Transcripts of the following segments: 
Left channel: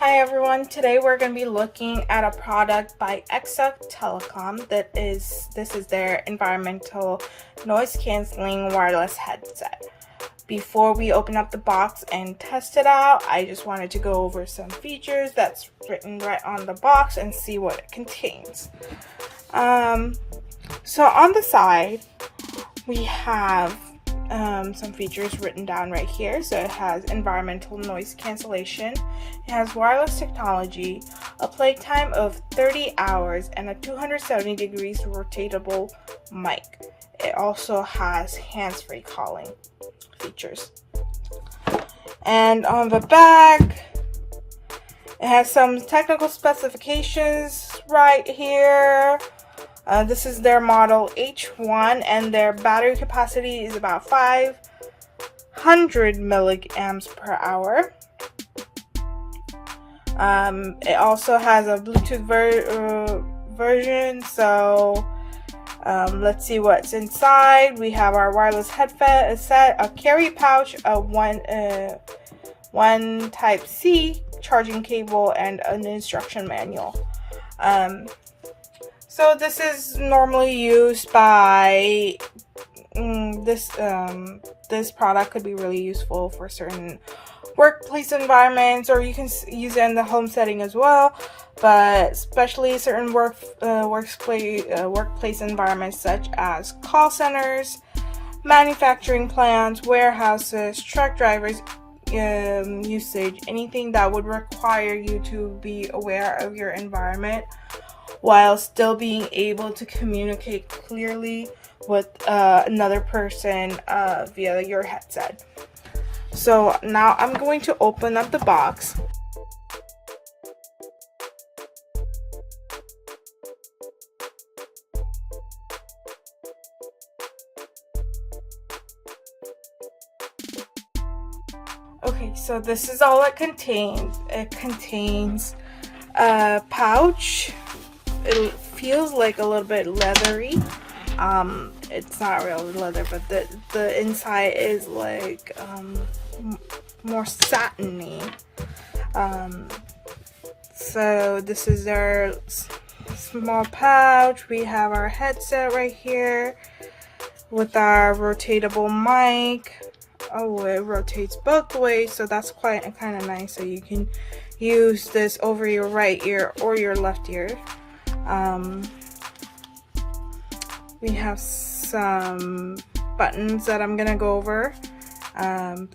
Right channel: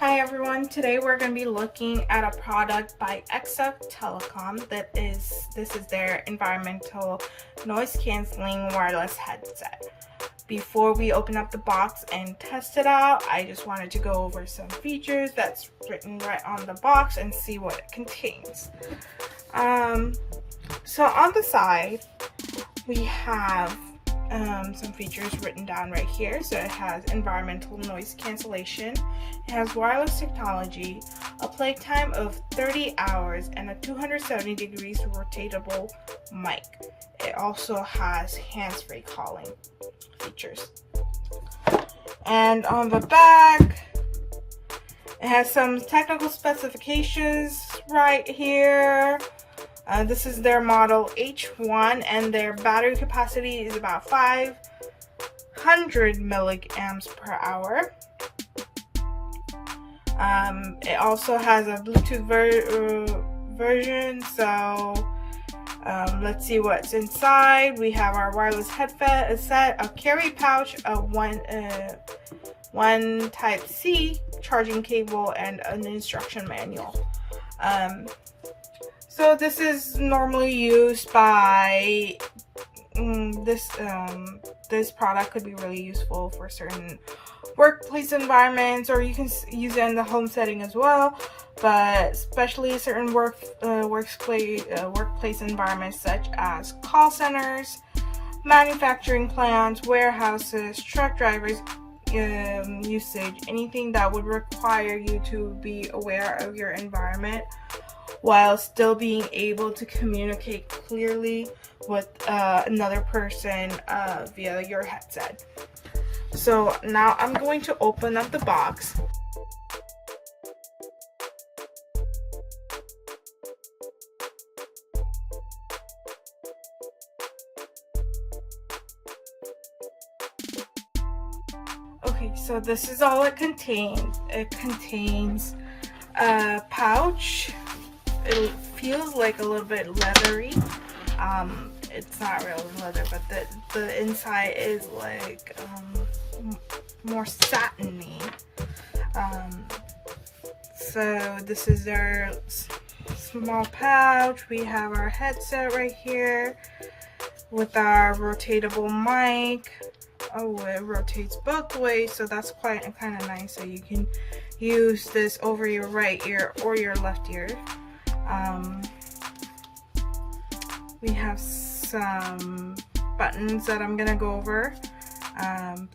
Hi everyone, today we're going to be looking at a product by EKSA Telecom this is their environmental noise cancelling wireless headset. Before we open up the box and test it out, I just wanted to go over some features that's written right on the box and see what it contains. So on the side we have some features written down right here. So it has environmental noise cancellation, it has wireless technology, a playtime of 30 hours, and a 270 degrees rotatable mic. It also has hands-free calling features. And on the back, it has some technical specifications right here. This is their model H1 and their battery capacity is about 500 milliamps per hour. It also has a Bluetooth version, so let's see what's inside. We have our wireless headset, a carry pouch, a one Type-C charging cable, and an instruction manual. So this is normally used by this product could be really useful for certain workplace environments, or you can use it in the home setting as well, but especially certain workplace environments such as call centers, manufacturing plants, warehouses, truck drivers, usage, anything that would require you to be aware of your environment while still being able to communicate clearly with another person via your headset. So now I'm going to open up the box. Okay, so this is all it contains. It contains a pouch. It feels like a little bit leathery. It's not real leather, but the inside is like more satiny. So this is their small pouch. We have our headset right here with our rotatable mic. Oh, it rotates both ways, so that's quite kind of nice. So you can use this over your right ear or your left ear. We have some buttons that I'm gonna go over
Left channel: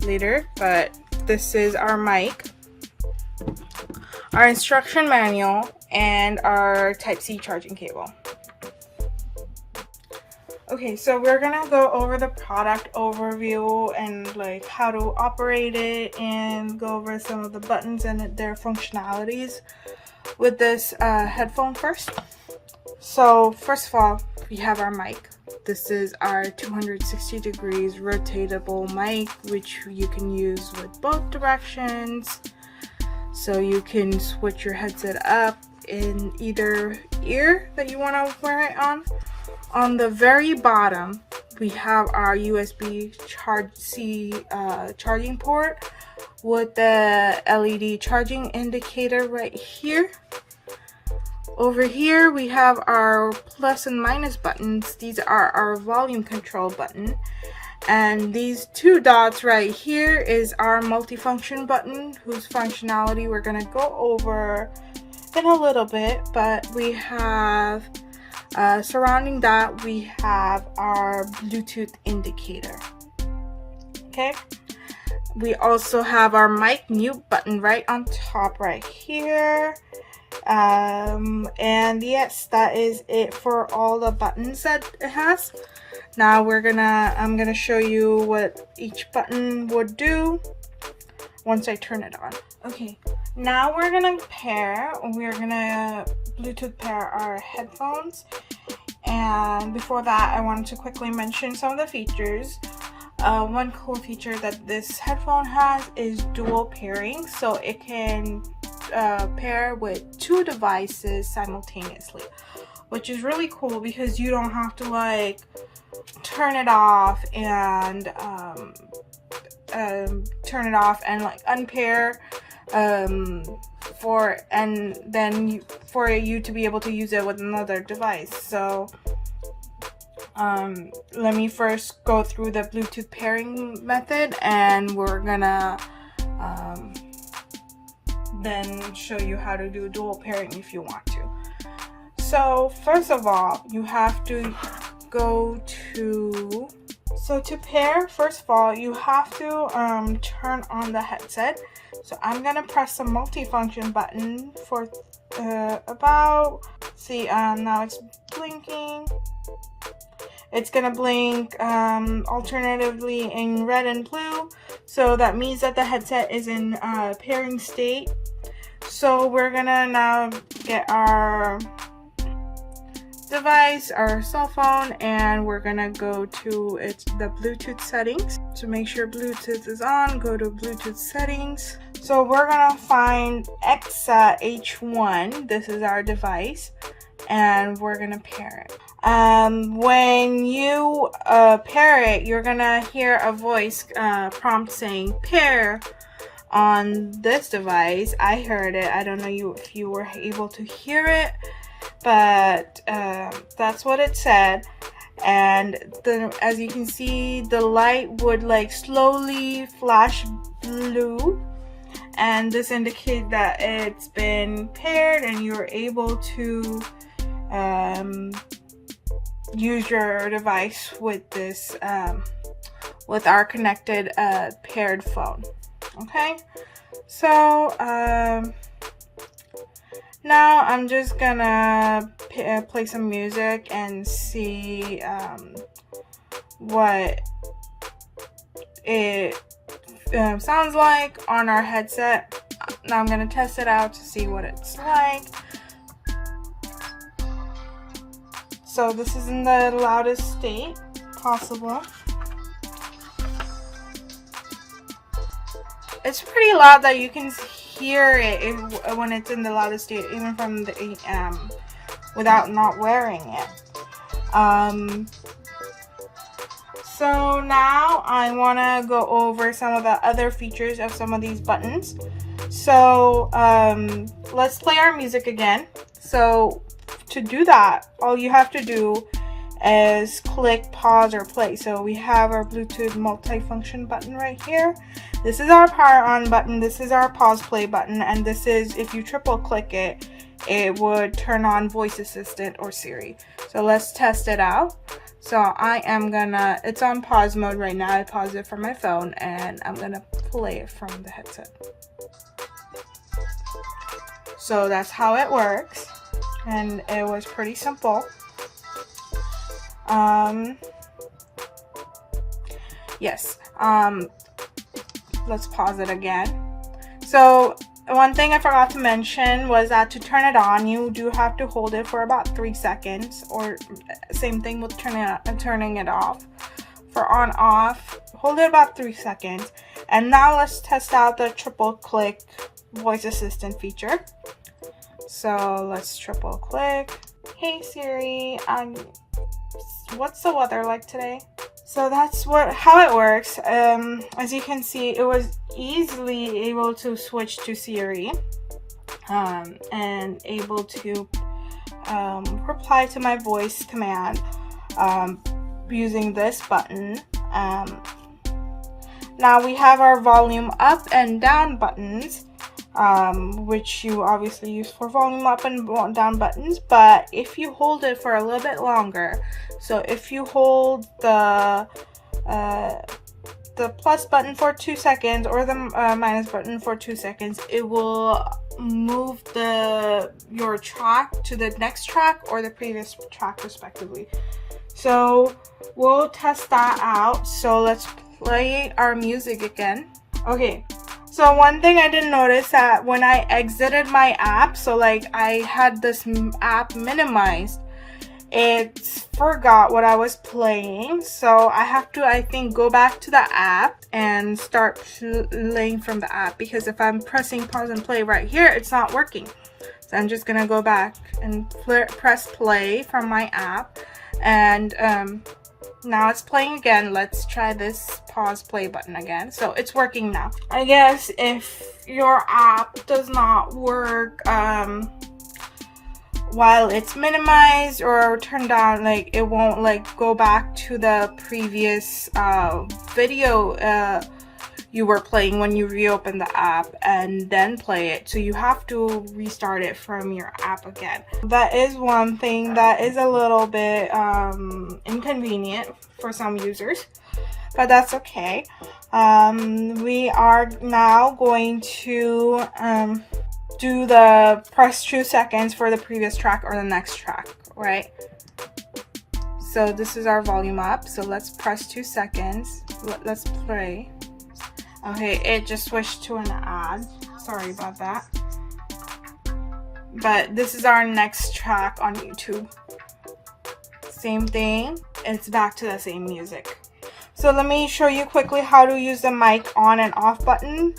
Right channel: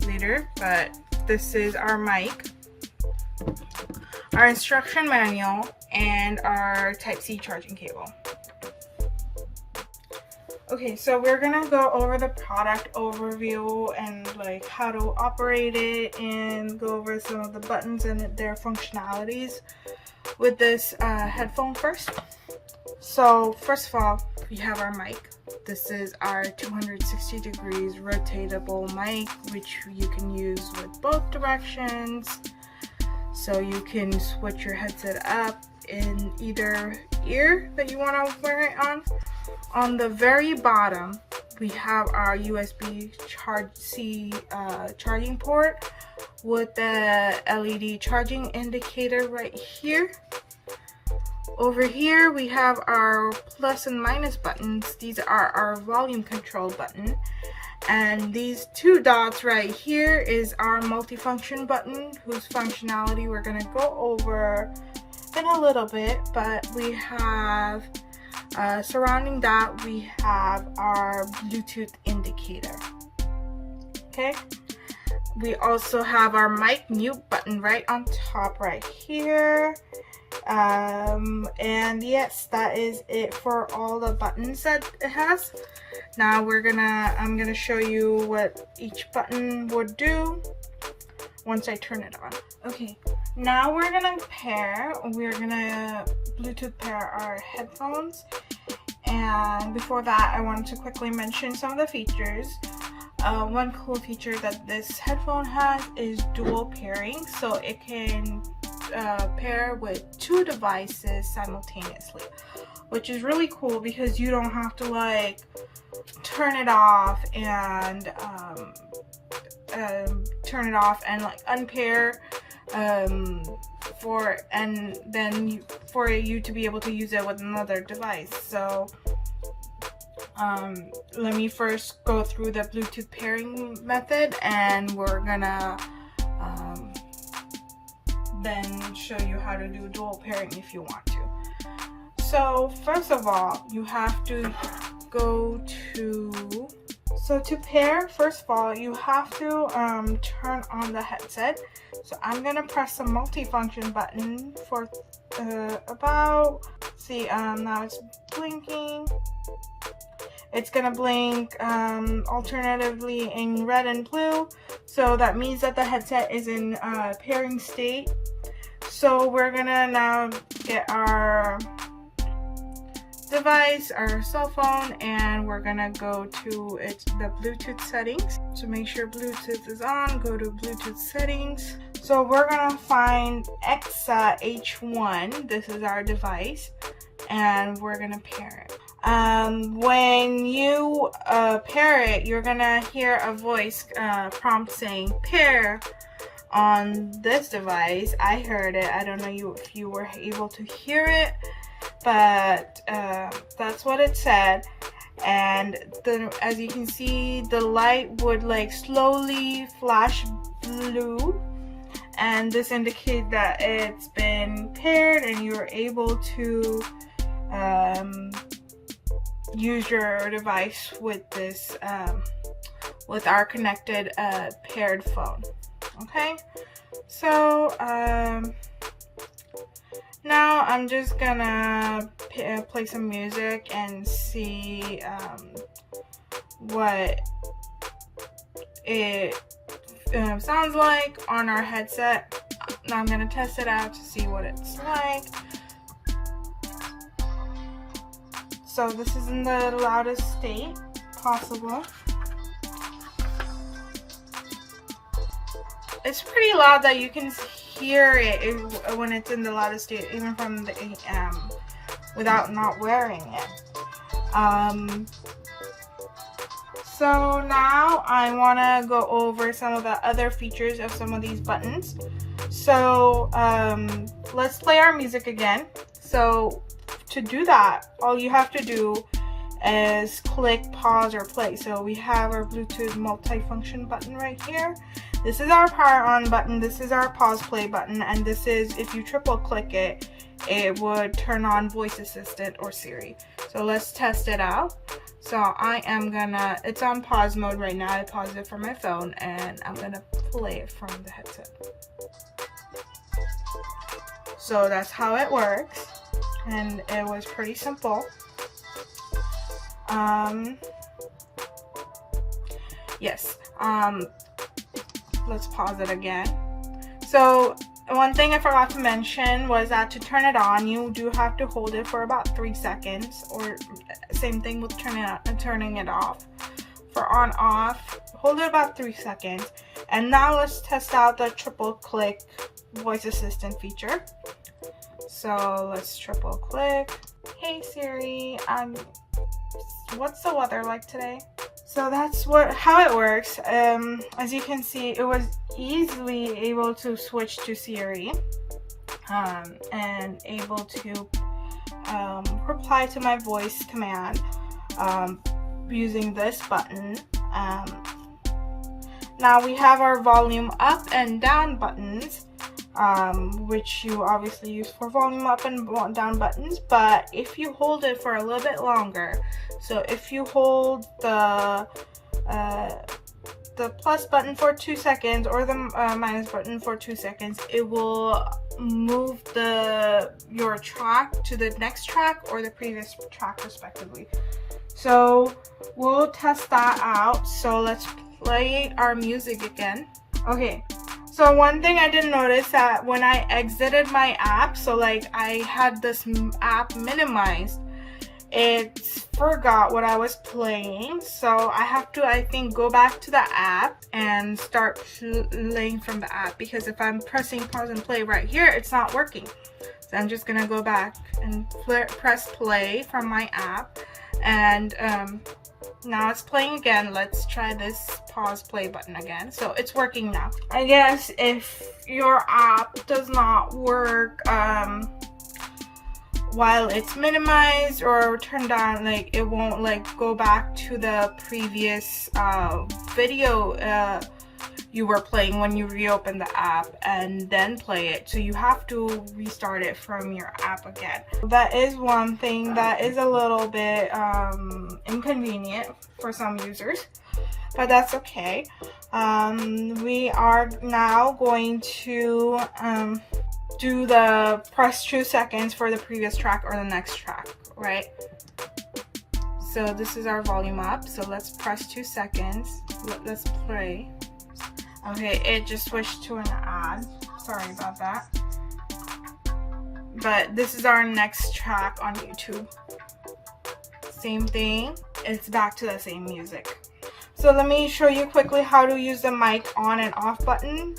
later, but this is our mic, our instruction manual, and our Type-C charging cable. Okay, so we're gonna go over the product overview and like how to operate it, and go over some of the buttons and their functionalities with this headphone first. So first of all, we have our mic. This is our 260 degrees rotatable mic, which you can use with both directions. So you can switch your headset up in either ear that you want to wear it on. On the very bottom, we have our USB C charging port with the LED charging indicator right here. Over here we have our plus and minus buttons. These are our volume control button, and these two dots right here is our multifunction button, whose functionality we're going to go over in a little bit. But we have surrounding that, we have our Bluetooth indicator. Okay, we also have our mic mute button right on top right here. And yes, that is it for all the buttons that it has. Now I'm gonna show you what each button would do once I turn it on. Okay, now we're gonna Bluetooth pair our headphones. And before that, I wanted to quickly mention some of the features. One cool feature that this headphone has is dual pairing, so it can pair with two devices simultaneously, which is really cool because you don't have to like turn it off and like unpair and then for you to be able to use it with another device. So let me first go through the Bluetooth pairing method, and we're gonna then show you how to do dual pairing if you want to. So first of all, you have to go to, so to pair, first of all, you have to turn on the headset. So I'm gonna press the multifunction button for about, see, now it's blinking. It's gonna blink alternatively in red and blue, so that means that the headset is in pairing state. So we're gonna now get our device, our cell phone, and we're gonna go to the Bluetooth settings. So make sure Bluetooth is on, go to Bluetooth settings. So we're gonna find EKSA H1, this is our device, and we're gonna pair it. When you pair it, you're gonna hear a voice prompt saying pair on this device. I heard it. I don't know if you were able to hear it, but that's what it said. And then, as you can see, the light would like slowly flash blue, and this indicates that it's been paired and you're able to use your device with this with our connected paired phone. Okay, so now I'm just gonna play some music and see what it sounds like on our headset. Now I'm gonna test it out to see what it's like. So this is in the loudest state possible. It's pretty loud that you can hear it when it's in the loudest state, even from the without not wearing it. So now I want to go over some of the other features of some of these buttons. So let's play our music again. So to do that, all you have to do is click pause or play. So we have our Bluetooth multifunction button right here. This is our power on button, this is our pause play button, and this is, if you triple click it, it would turn on voice assistant or Siri. So let's test it out. So I am gonna, it's on pause mode right now. I paused it from my phone and I'm gonna play it from the headset. So that's how it works, and it was pretty simple. Yes. Let's pause it again. So one thing I forgot to mention was that to turn it on, you do have to hold it for about 3 seconds, or same thing with turning it off. For on off, hold it about 3 seconds. And now let's test out the triple click voice assistant feature. So let's triple click. Hey Siri, what's the weather like today? So that's how it works. As you can see, it was easily able to switch to Siri and able to reply to my voice command using this button. Now we have our volume up and down buttons, which you obviously use for volume up and down buttons, but if you hold it for a little bit longer, so if you hold the plus button for 2 seconds or the minus button for 2 seconds, it will move your track to the next track or the previous track respectively. So we'll test that out. So let's play our music again. Okay. So one thing I didn't notice that when I exited my app, so like I had this app minimized, it forgot what I was playing. So I have to, I think, go back to the app and start playing from the app, because if I'm pressing pause and play right here, it's not working. So I'm just gonna go back and press play from my app, and now it's playing again. Let's try this pause play button again. So it's working now. I guess if your app does not work while it's minimized or turned down, like it won't like go back to the previous video you were playing when you reopen the app and then play it. So you have to restart it from your app again. That is one thing that is a little bit inconvenient for some users, but that's okay. We are now going to do the press 2 seconds for the previous track or the next track, right? So this is our volume up. So let's press 2 seconds. Let's play. Okay, it just switched to an ad. Sorry about that. But this is our next track on YouTube. Same thing. It's back to the same music. So let me show you quickly how to use the mic on and off button.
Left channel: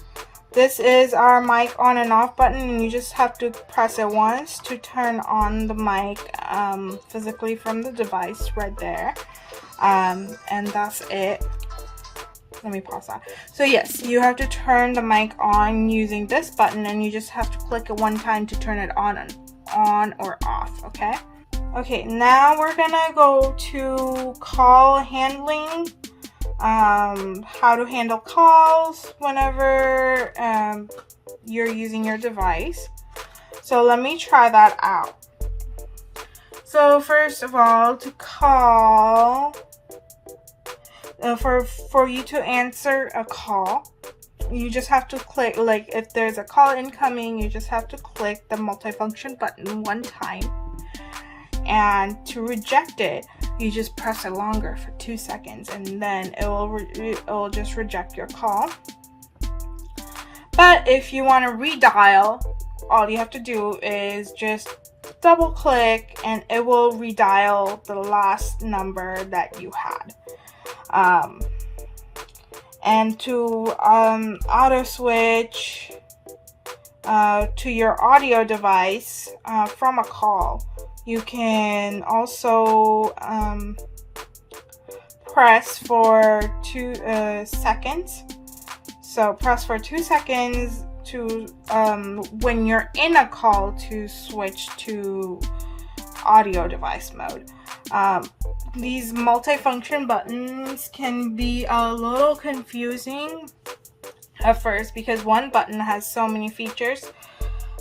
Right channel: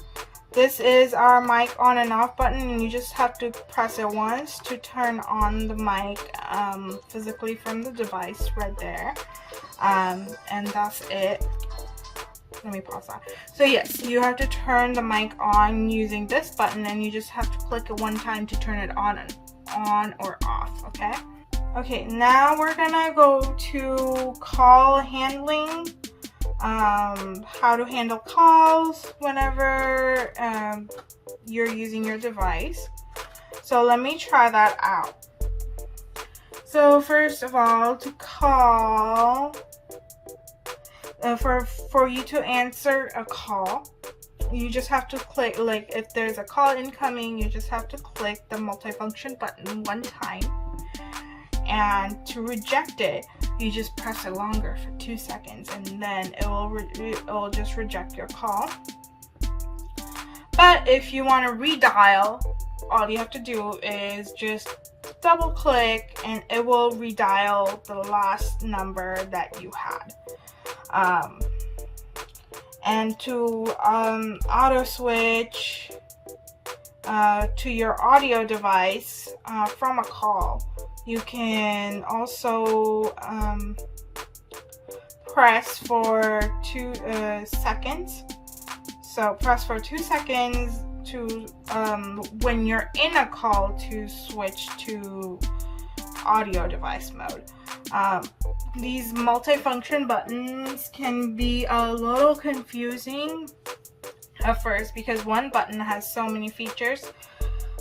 This is our mic on and off button, and you just have to press it once to turn on the mic physically from the device right there. And that's it. Let me pause that. So yes, you have to turn the mic on using this button, and you just have to click it one time to turn it on or off, okay? Okay, now we're gonna go to call handling. How to handle calls whenever you're using your device. So let me try that out. So first of all, to call, for you to answer a call, you just have to click, like if there's a call incoming, you just have to click the multifunction button one time, and to reject it, you just press it longer for 2 seconds, and then it will just reject your call. But if you want to redial, all you have to do is just double click and it will redial the last number that you had. And to auto switch to your audio device from a call, you can also press for 2 seconds. So press for 2 seconds to when you're in a call to switch to audio device mode. These multifunction buttons can be a little confusing at first because one button has so many features.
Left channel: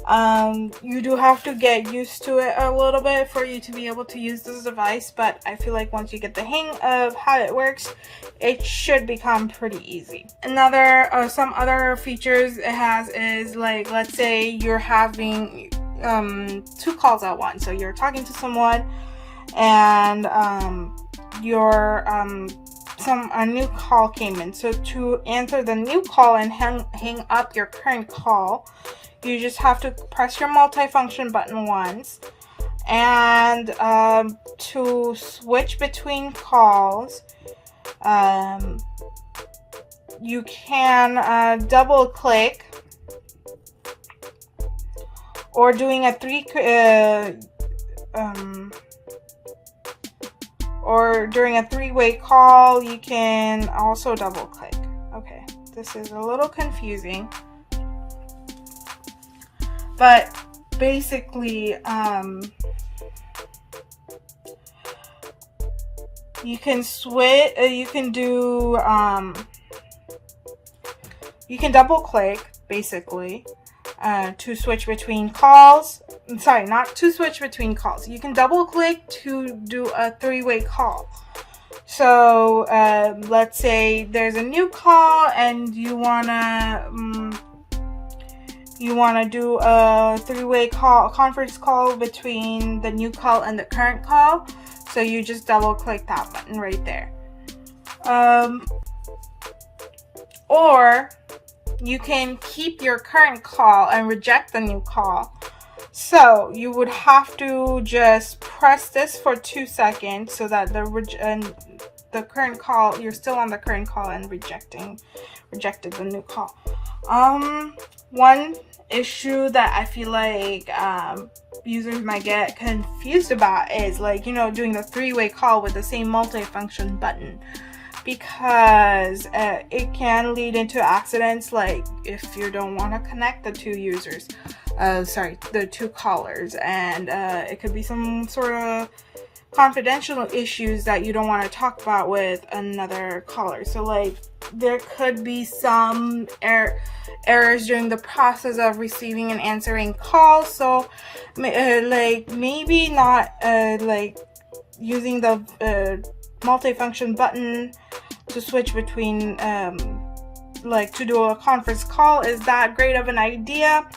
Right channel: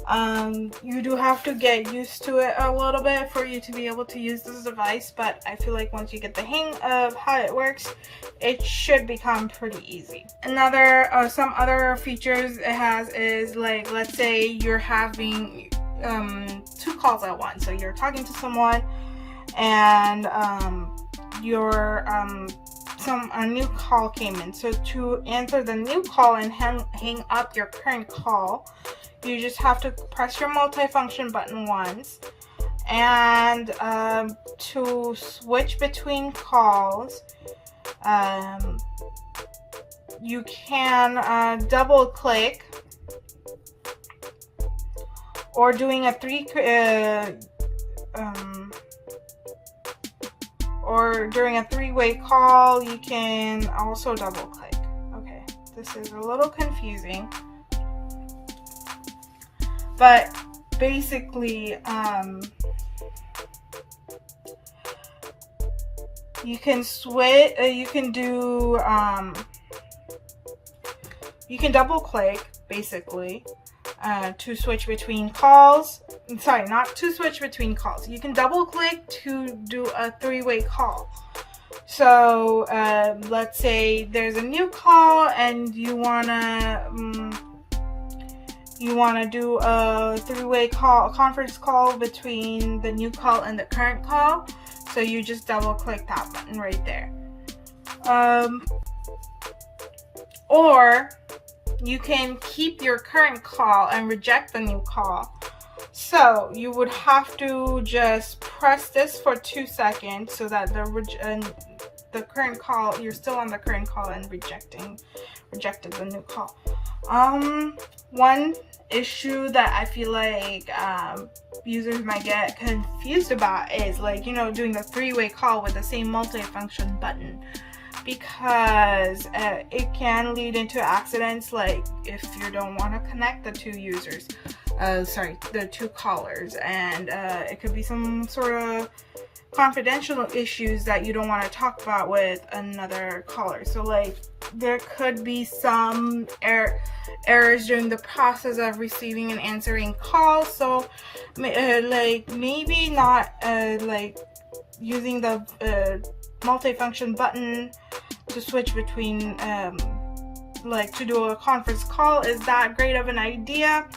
You do have to get used to it a little bit for you to be able to use this device, but I feel like once you get the hang of how it works, it should become pretty easy. Another some other features it has is, like, let's say you're having 2 calls at once. So you're talking to someone and a new call came in. So to answer the new call and hang up your current call, you just have to press your multifunction button once. And to switch between calls, you can double click, or doing a during a 3-way call, you can also double click. Okay, this is a little confusing, but basically you can switch, you can double click basically to switch between calls. Sorry, not to switch between calls. You can double click to do a 3-way call. So let's say there's a new call and you wanna do a 3-way call, a conference call between the new call and the current call. So you just double click that button right there. Or you can keep your current call and reject the new call. So you would have to just press this for 2 seconds so that the current call, you're still on the current call and rejected the new call. One issue that I feel like users might get confused about is, like, you know, doing the three-way call with the same multifunction button, because it can lead into accidents, like if you don't want to connect the two users, the two callers, and it could be some sort of confidential issues that you don't want to talk about with another caller. So like there could be some errors during the process of receiving and answering calls. So like maybe not like using the multifunction button to switch between like to do a conference call is that great of an idea.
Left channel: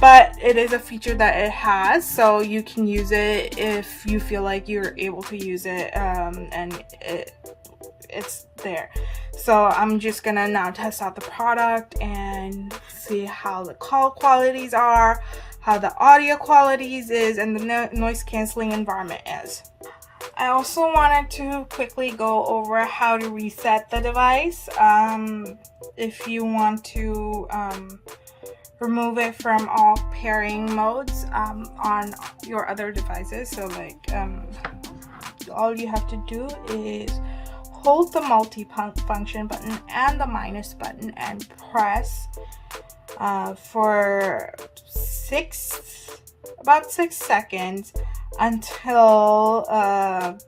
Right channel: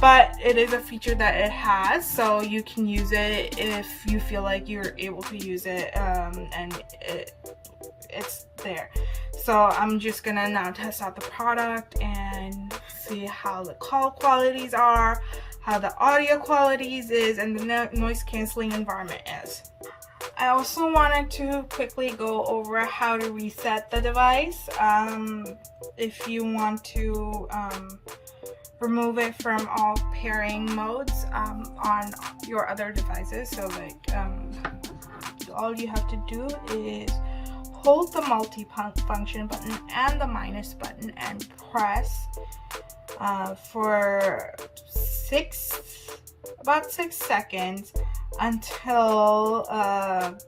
But it is a feature that it has, so you can use it if you feel like you're able to use it, and it's there. So I'm just gonna now test out the product and see how the call qualities are, how the audio qualities is, and the noise canceling environment is. I also wanted to quickly go over how to reset the device. If you want to remove it from all pairing modes on your other devices. So like all you have to do is hold the multi-function button and the minus button and press for about 6 seconds until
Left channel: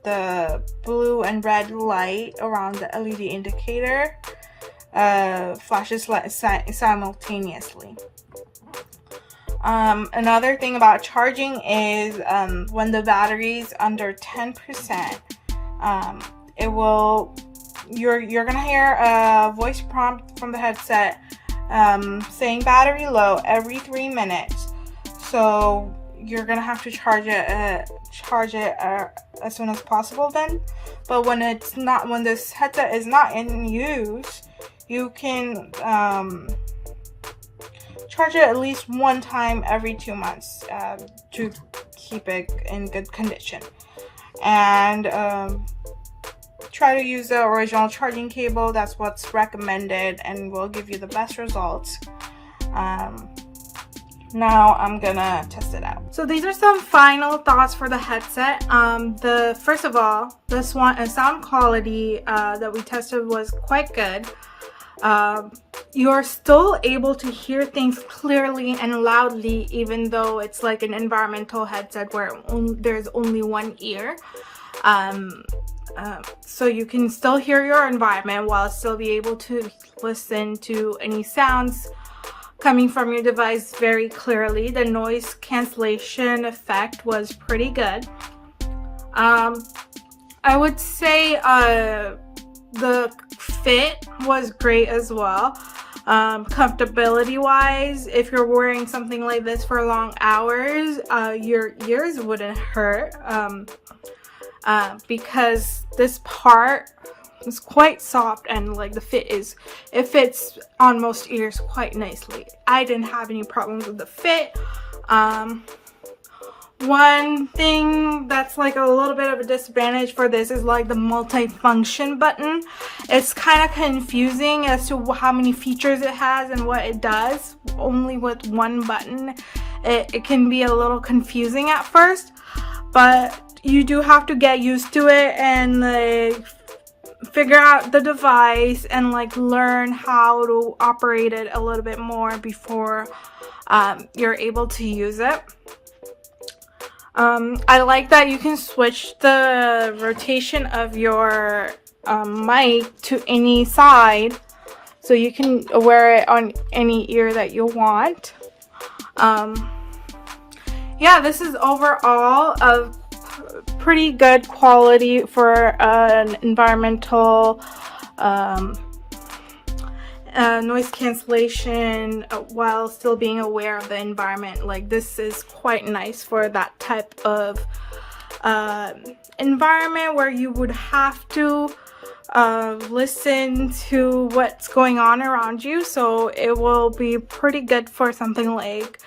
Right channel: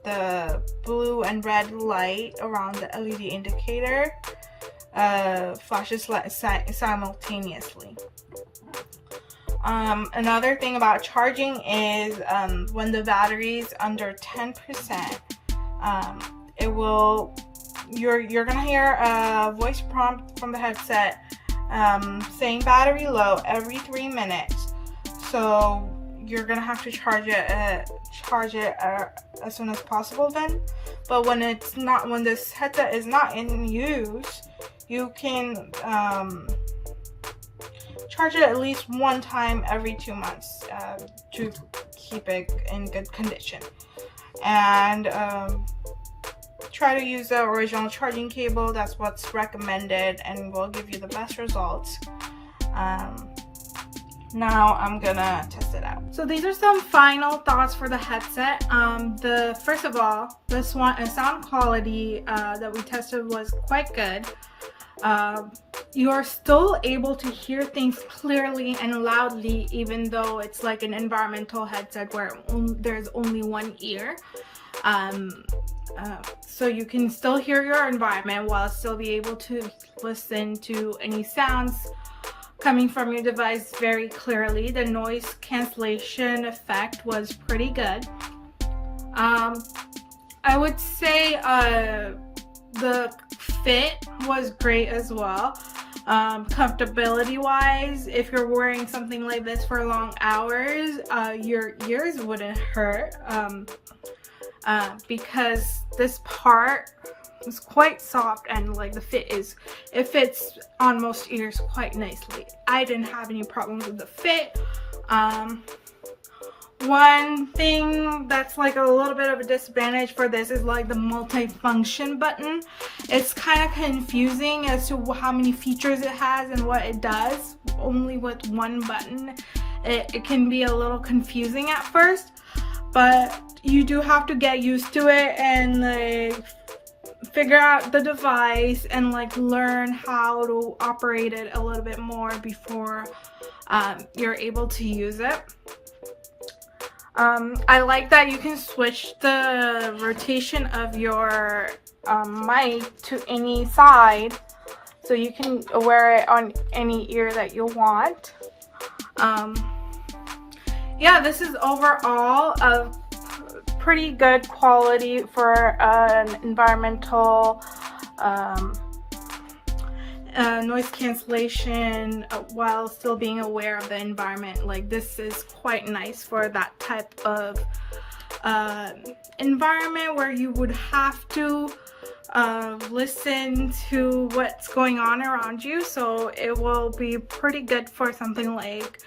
the blue and red light around the LED indicator flashes simultaneously. Another thing about charging is when the battery is under 10%, you're gonna hear a voice prompt from the headset saying battery low every 3 minutes. So you're gonna have to charge it as soon as possible then. But when this headset is not in use, you can charge it at least one time every 2 months to keep it in good condition. And try to use the original charging cable. That's what's recommended and will give you the best results. Now I'm gonna test it out. So these are some final thoughts for the headset. First of all, this one, sound quality that we tested was quite good. You're still able to hear things clearly and loudly, even though it's like an environmental headset where there's only one ear. So you can still hear your environment while still be able to listen to any sounds coming from your device very clearly. The noise cancellation effect was pretty good. I would say the fit was great as well. Comfortability wise, if you're wearing something like this for long hours, your ears wouldn't hurt, because this part is quite soft and like it fits on most ears quite nicely. I didn't have any problems with the fit. One thing that's like a little bit of a disadvantage for this is like the multi-function button. It's kind of confusing as to how many features it has and what it does. Only with one button, it can be a little confusing at first, but you do have to get used to it and like figure out the device and like learn how to operate it a little bit more before you're able to use it. I like that you can switch the rotation of your mic to any side, so you can wear it on any ear that you want. Yeah, this is overall a pretty good quality for an environmental noise cancellation while still being aware of the environment. Like, this is quite nice for that type of environment where you would have to listen to what's going on around you. So it will be pretty good for something like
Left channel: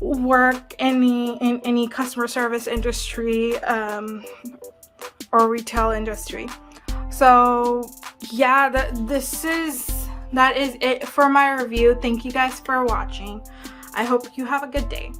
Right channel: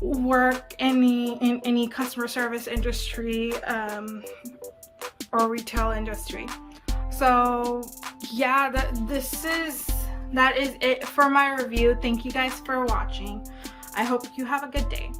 work in any customer service industry or retail industry. So yeah, that is it for my review. Thank you guys for watching. I hope you have a good day.